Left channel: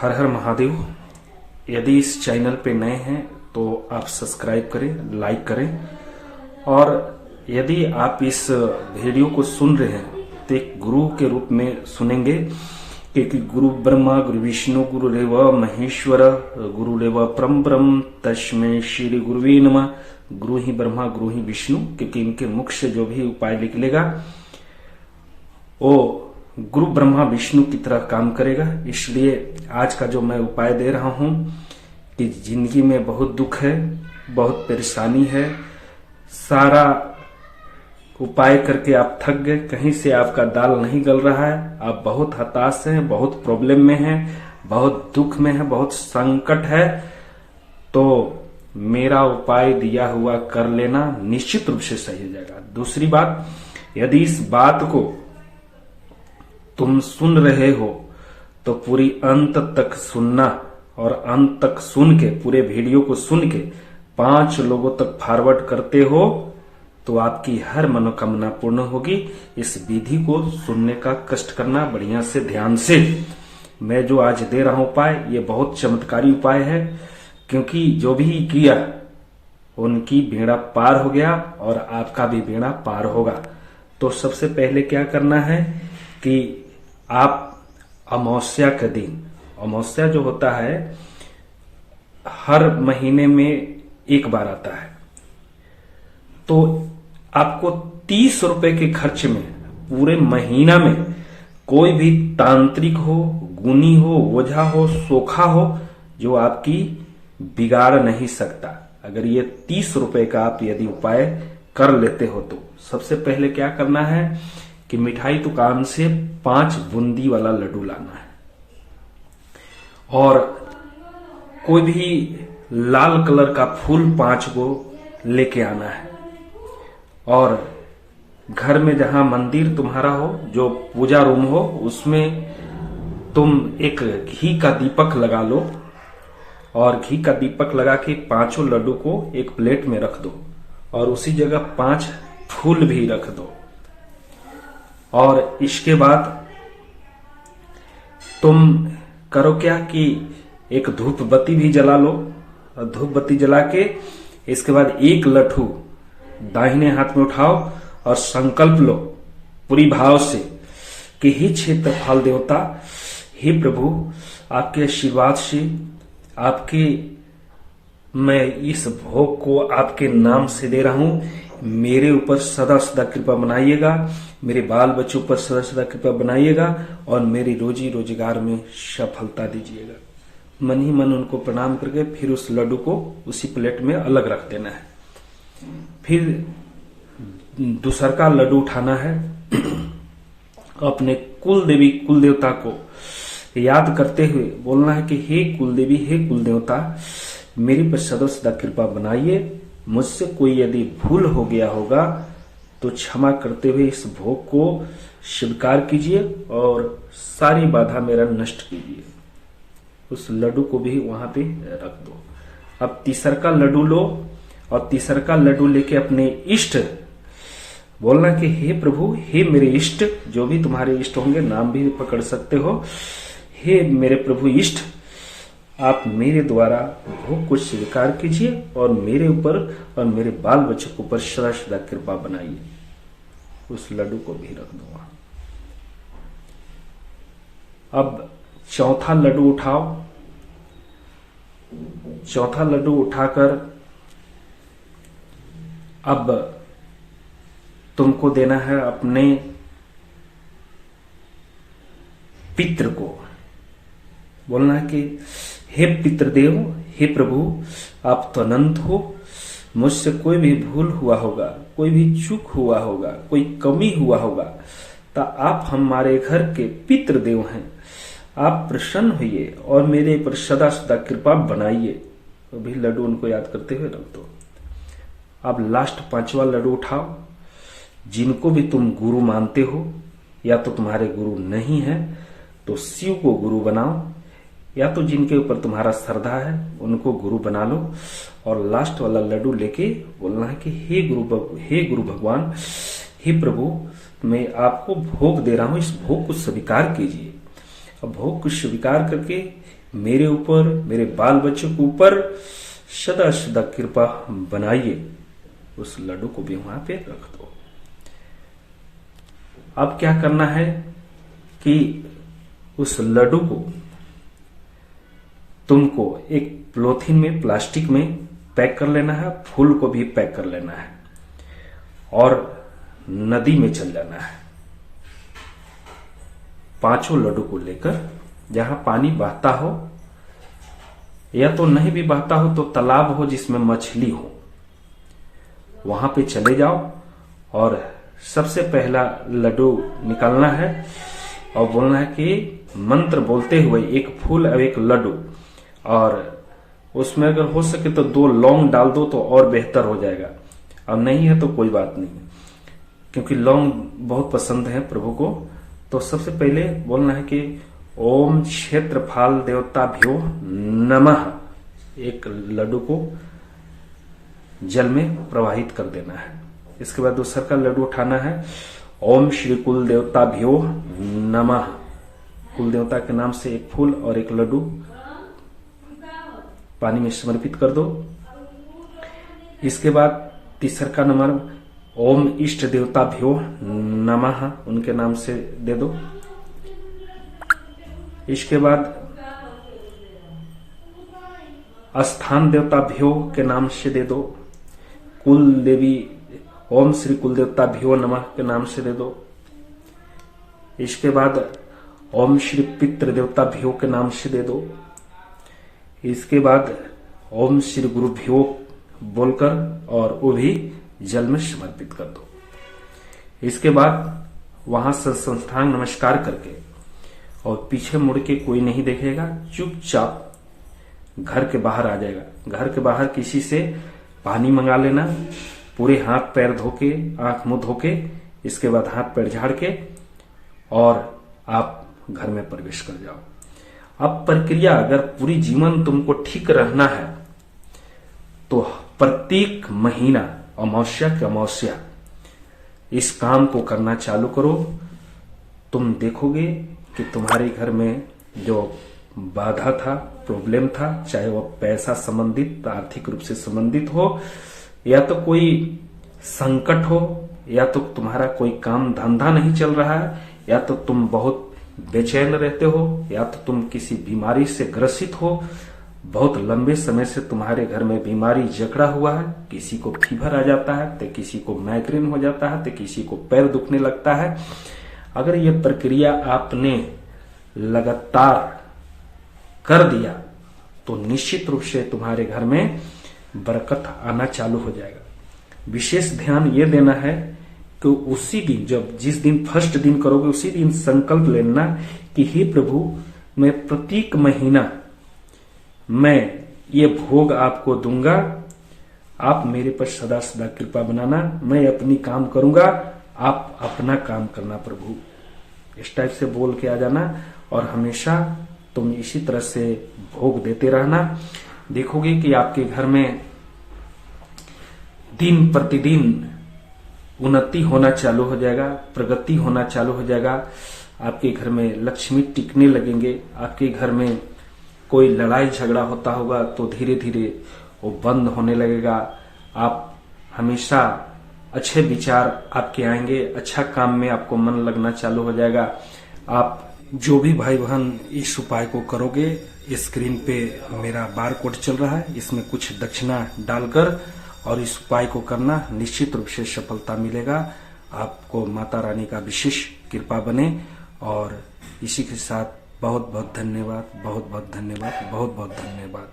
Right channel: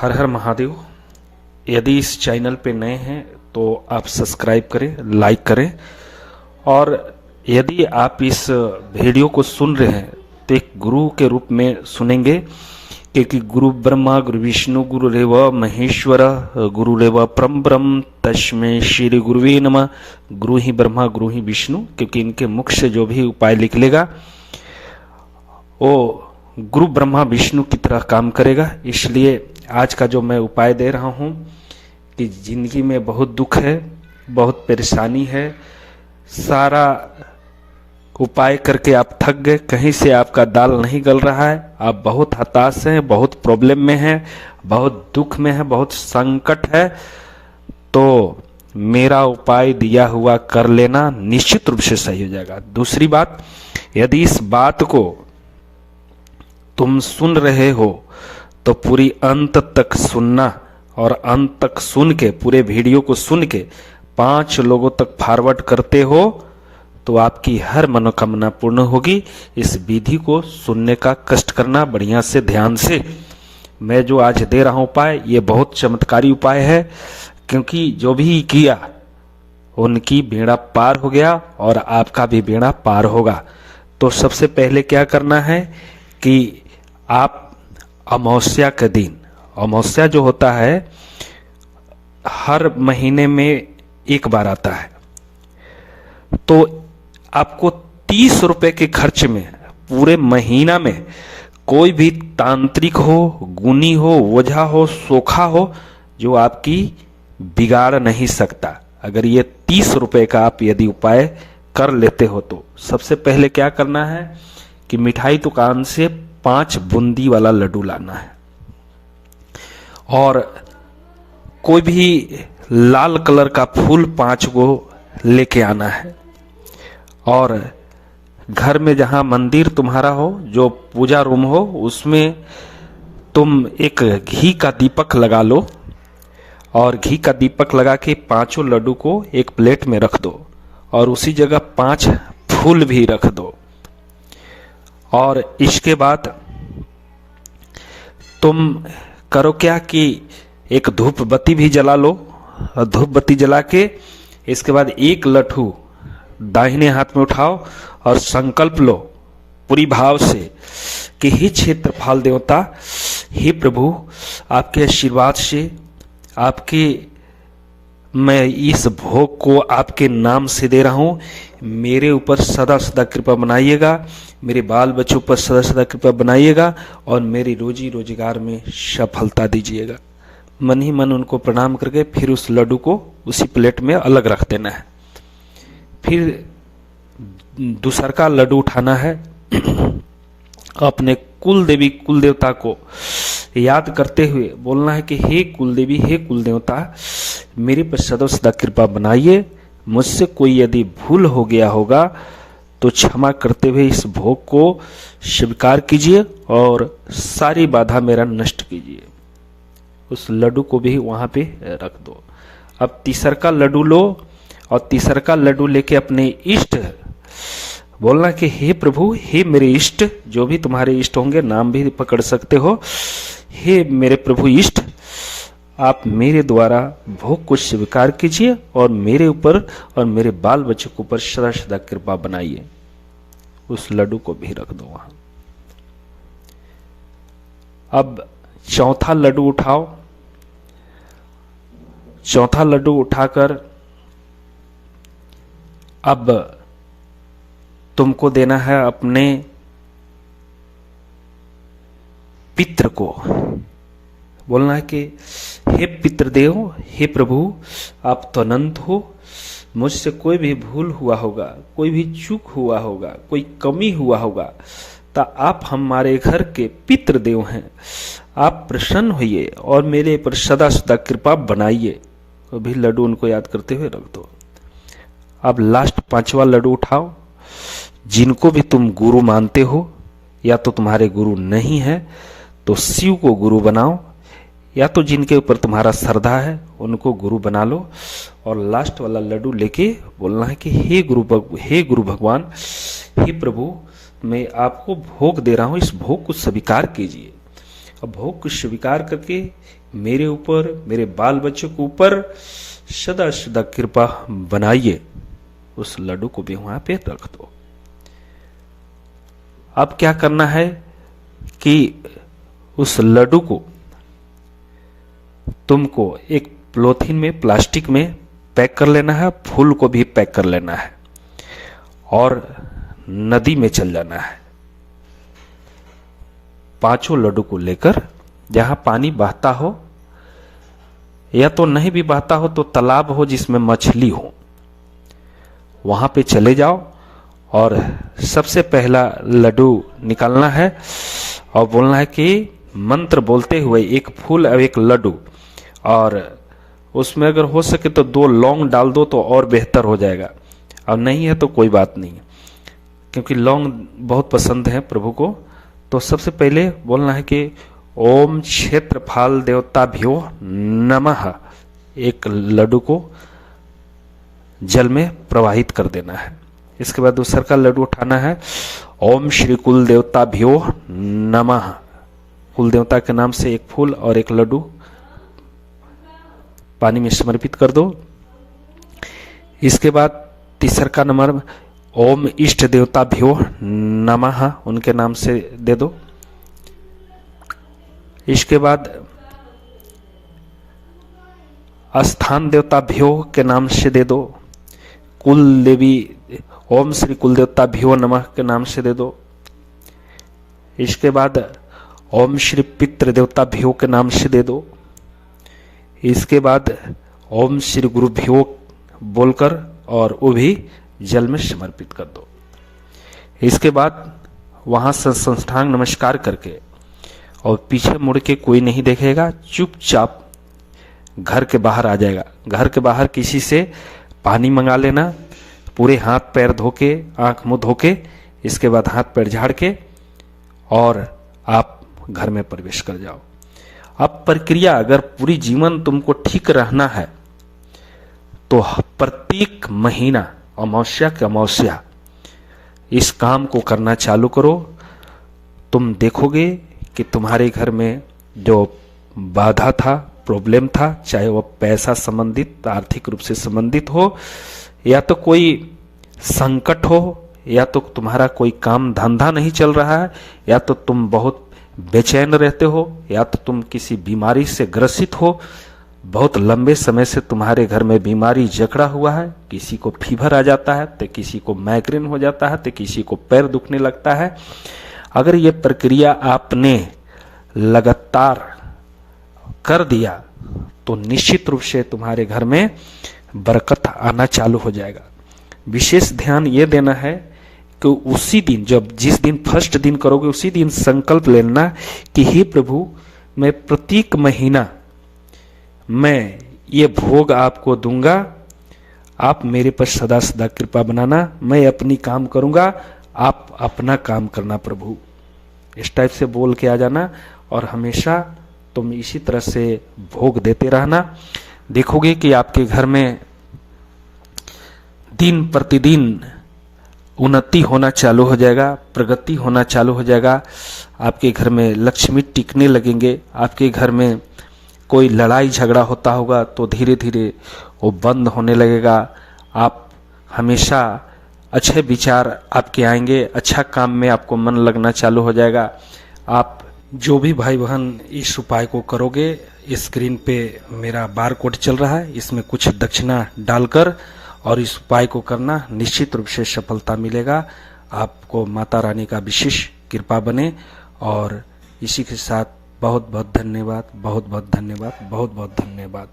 हर हर महादेव। यदि इस चैनल पे नए हैं तो आप सब्सक्राइब करें, लाइक करें। और यदि आप इस वीडियो को सुन रहे हैं तो एक गुरु के रूप में सुनेंगे, क्योंकि गुरु ब्रह्मा गुरु विष्णु गुरुरेव महेश्वर गुरुरेव परम ब्रह्म तस्मै श्री गुरुवे नमः। गुरु ही ब्रह्मा गुरु ही विष्णु, क्योंकि इनके मुख से जो भी उपाय निकलेगा वो गुरु ब्रह्मा विष्णु की तरह काम करेगा। इसलिए आज का जो मैं उपाय दे रहा हूँ कि जिंदगी में बहुत दुख है, बहुत परेशानी है, सारा उपाय करके आप थक गए, कहीं से आपका दाल नहीं गल रहा है, आप बहुत हताश हैं, बहुत प्रॉब्लम में हैं, बहुत दुख में हैं, बहुत संकट है, तो मेरा उपाय दिया हुआ कर लेना, निश्चित रूप से सही हो जाएगा। दूसरी बात, यदि इस बात को तुम सुन रहे हो तो पूरी अंत तक सुनना, और अंत तक सुन के पूरे वीडियो को सुन के 5 लोगों तक फॉरवर्ड करते हो तो आपकी हर मनोकामना पूर्ण होगी। इस विधि को सुनने का कष्ट करना बढ़िया से, ध्यान से। मैं जो आज दे रहा हूं उपाय, ये बहुत चमत्कारी उपाय है, क्योंकि जो भी किया उनकी बेड़ा पार हो गया और आपका भी बेड़ा पार होगा। तो सबसे पहले क्या करना है कि आप अमावस्या के दिन, अमावस्या जो होता है हर महीने में एक बार आता है, तो आपको 30 रुपए के खर्च में पूरे महीना में कोई भी तांत्रिक हो, गुनी हो, ओझा हो, सोखा हो, जो आपकी बिगाड़ नहीं सकता। अगर ये 30 रुपए का आप यदि उपाय कर लेते हो तो सबसे पहले क्या करना है कि मिठाई दुकान से 5 बूंदी वाला लड्डू लाना है, और कोई भी लाल कलर का फूल 5 को लेके आना है, और घर में जहां मंदिर तुम्हारा हो, जो पूजा रूम हो, उसमें तुम एक घी का दीपक लगा लो, और घी का दीपक लगा के 5 लड्डू को एक प्लेट में रख दो, और उसी जगह 5 फूल भी रख दो। और इसके बाद तुम करो क्या कि एक धूप बत्ती भी जला लो, और धूप बत्ती जला के इसके बाद एक लड्डू दाहिने हाथ में उठाओ और संकल्प लो पूरी भाव से कि हे क्षेत्रफल देवता, हे प्रभु, आपके आशीर्वाद से, आपके, मैं इस भोग को आपके नाम से दे रहा हूं, मेरे ऊपर सदा सदा कृपा बनाइएगा, मेरे बाल बच्चों पर सदा सदा कृपा बनाइएगा, और मेरी रोजी रोजगार में सफलता दीजिएगा। मन ही मन उनको प्रणाम करके फिर उस लड्डू को उसी प्लेट में अलग रख देना है। फिर दूसर का लड्डू उठाना है, अपने कुल देवी कुल देवता को याद करते हुए बोलना है कि हे कुल देवी, हे कुल देवता, मेरे पर सदा सदा कृपा बनाइए, मुझसे कोई यदि भूल हो गया होगा तो क्षमा करते हुए इस भोग को स्वीकार कीजिए और सारी बाधा मेरा नष्ट कीजिए। उस लड्डू को भी वहां पे रख दो। अब तीसर का लड्डू लो, और तीसर का लड्डू लेके अपने इष्ट बोलना कि हे प्रभु, हे मेरे इष्ट, जो भी तुम्हारे इष्ट होंगे, नाम भी पकड़ सकते हो, हे मेरे प्रभु इष्ट, आप मेरे द्वारा भोग को स्वीकार कीजिए और मेरे ऊपर और मेरे बाल बच्चों के ऊपर सदा सदा कृपा बनाइए। उस लड्डू को भी रख दो वहां। अब चौथा लड्डू उठाओ। चौथा लड्डू उठाकर अब तुमको देना है अपने पितृ को। बोलना है कि हे पितृदेव, हे प्रभु, आप तो अनंत हो, मुझसे कोई भी भूल हुआ होगा, कोई भी चूक हुआ होगा, कोई कमी हुआ होगा, तो आप हमारे घर के पितृदेव हैं, आप प्रसन्न होइए और मेरे पर सदा सदा कृपा बनाइए। तो भी लड्डू उनको याद करते हुए रख दो। अब लास्ट 5वां लड्डू उठाओ। जिनको भी तुम गुरु मानते हो, या तो तुम्हारे गुरु नहीं है तो शिव को गुरु बनाओ, या तो जिनके ऊपर तुम्हारा श्रद्धा है उनको गुरु बना लो, और लास्ट वाला लड्डू लेके बोलना है कि हे गुरु भगवान, हे प्रभु, मैं आपको भोग दे रहा हूं, इस भोग को स्वीकार कीजिए। और भोग को स्वीकार करके मेरे ऊपर, मेरे बाल बच्चों के ऊपर सदा सदा कृपा बनाइए। उस लड्डू को भी वहां पे रख दो। अब क्या करना है कि उस लड्डू को तुमको एक पॉलीथीन में, प्लास्टिक में पैक कर लेना है, फूल को भी पैक कर लेना है और नदी में चल जाना है। 5 लड्डू को लेकर, जहां पानी बहता हो, या तो नहीं भी बहता हो तो तालाब हो जिसमें मछली हो, वहां पे चले जाओ और सबसे पहला लड्डू निकालना है और बोलना है कि मंत्र बोलते हुए एक फूल और एक लड्डू, और उसमें अगर हो सके तो 2 लौंग डाल दो तो और बेहतर हो जाएगा, और नहीं है तो कोई बात नहीं, क्योंकि लौंग बहुत पसंद है प्रभु को। तो सबसे पहले बोलना है कि ओम क्षेत्रफल देवताभ्यो नमः, एक लड्डू को जल में प्रवाहित कर देना है। इसके बाद दूसरा का लड्डू उठाना है, ओम श्री कुल देवताभ्यो नमः, कुल देवता के नाम से एक फूल और एक लड्डू पानी में समर्पित कर दो। इसके बाद तीसरा का नंबर, ओम इष्ट देवताभ्यो नमः, उनके नाम से दे दो। इसके बाद स्थान देवताभ्यो के नाम से दे दो। कुल देवी, ओम श्री कुल देवताभ्यो नमः के नाम से दे दो। इसके बाद ओम श्री पितृ देवताभ्यो के नाम से दे दो। इसके बाद ओम श्री गुरुभ्यो बोलकर और वो भी जल में समर्पित कर दो। इसके बाद वहां से संस्थान नमस्कार करके और पीछे मुड़ के कोई नहीं देखेगा, चुपचाप घर के बाहर आ जाएगा। घर के बाहर किसी से पानी मंगा लेना, पूरे हाथ पैर धोके, आंख मुंह धोके, इसके बाद हाथ पैर झाड़ के और आप घर में प्रवेश कर जाओ। अब प्रक्रिया, अगर पूरी जीवन तुमको ठीक रहना है तो प्रत्येक महीना अमावस्या के अमावस्या इस काम को करना चालू करो। तुम देखोगे कि तुम्हारे घर में जो बाधा था, प्रॉब्लम था, चाहे वो पैसा संबंधित, आर्थिक रूप से संबंधित हो, या तो कोई संकट हो, या तो तुम्हारा कोई काम धंधा नहीं चल रहा है, या तो तुम बहुत बेचैन रहते हो, या तो तुम किसी बीमारी से ग्रसित हो, बहुत लंबे समय से तुम्हारे घर में बीमारी जकड़ा हुआ है, किसी को फीवर आ जाता है तो किसी को माइग्रेन हो जाता है तो किसी को पैर दुखने लगता है। अगर ये प्रक्रिया आपने लगातार कर दिया तो निश्चित रूप से तुम्हारे घर में बरकत आना चालू हो जाएगा। विशेष ध्यान ये देना है कि उसी दिन, जब जिस दिन फर्स्ट दिन करोगे उसी दिन संकल्प लेना कि हे प्रभु, मैं प्रत्येक महीना मैं ये भोग आपको दूंगा, आप मेरे पर सदा सदा कृपा बनाना, मैं अपनी काम करूंगा, आप अपना काम करना प्रभु। इस टाइप से बोल के आ जाना और हमेशा तुम इसी तरह से भोग देते रहना। देखोगे कि आपके घर में दिन प्रतिदिन उन्नति होना चालू हो जाएगा, प्रगति होना चालू हो जाएगा। आपके घर में लक्ष्मी टिकने लगेंगे। आपके घर में कोई लड़ाई झगड़ा होता होगा तो धीरे धीरे वो बंद होने लगेगा। आप हमेशा अच्छे विचार आपके आएंगे, अच्छा काम में आपको मन लगना चालू हो जाएगा। आप जो भी भाई बहन इस उपाय को करोगे, स्क्रीन पे मेरा बार कोड चल रहा है, इसमें कुछ दक्षिणा डालकर और इस उपाय को करना, निश्चित रूप से सफलता मिलेगा। आपको माता रानी का विशेष कृपा बने। और इसी के साथ बहुत बहुत धन्यवाद, बहुत बहुत धन्यवाद, बहुत बहुत धन्यवाद।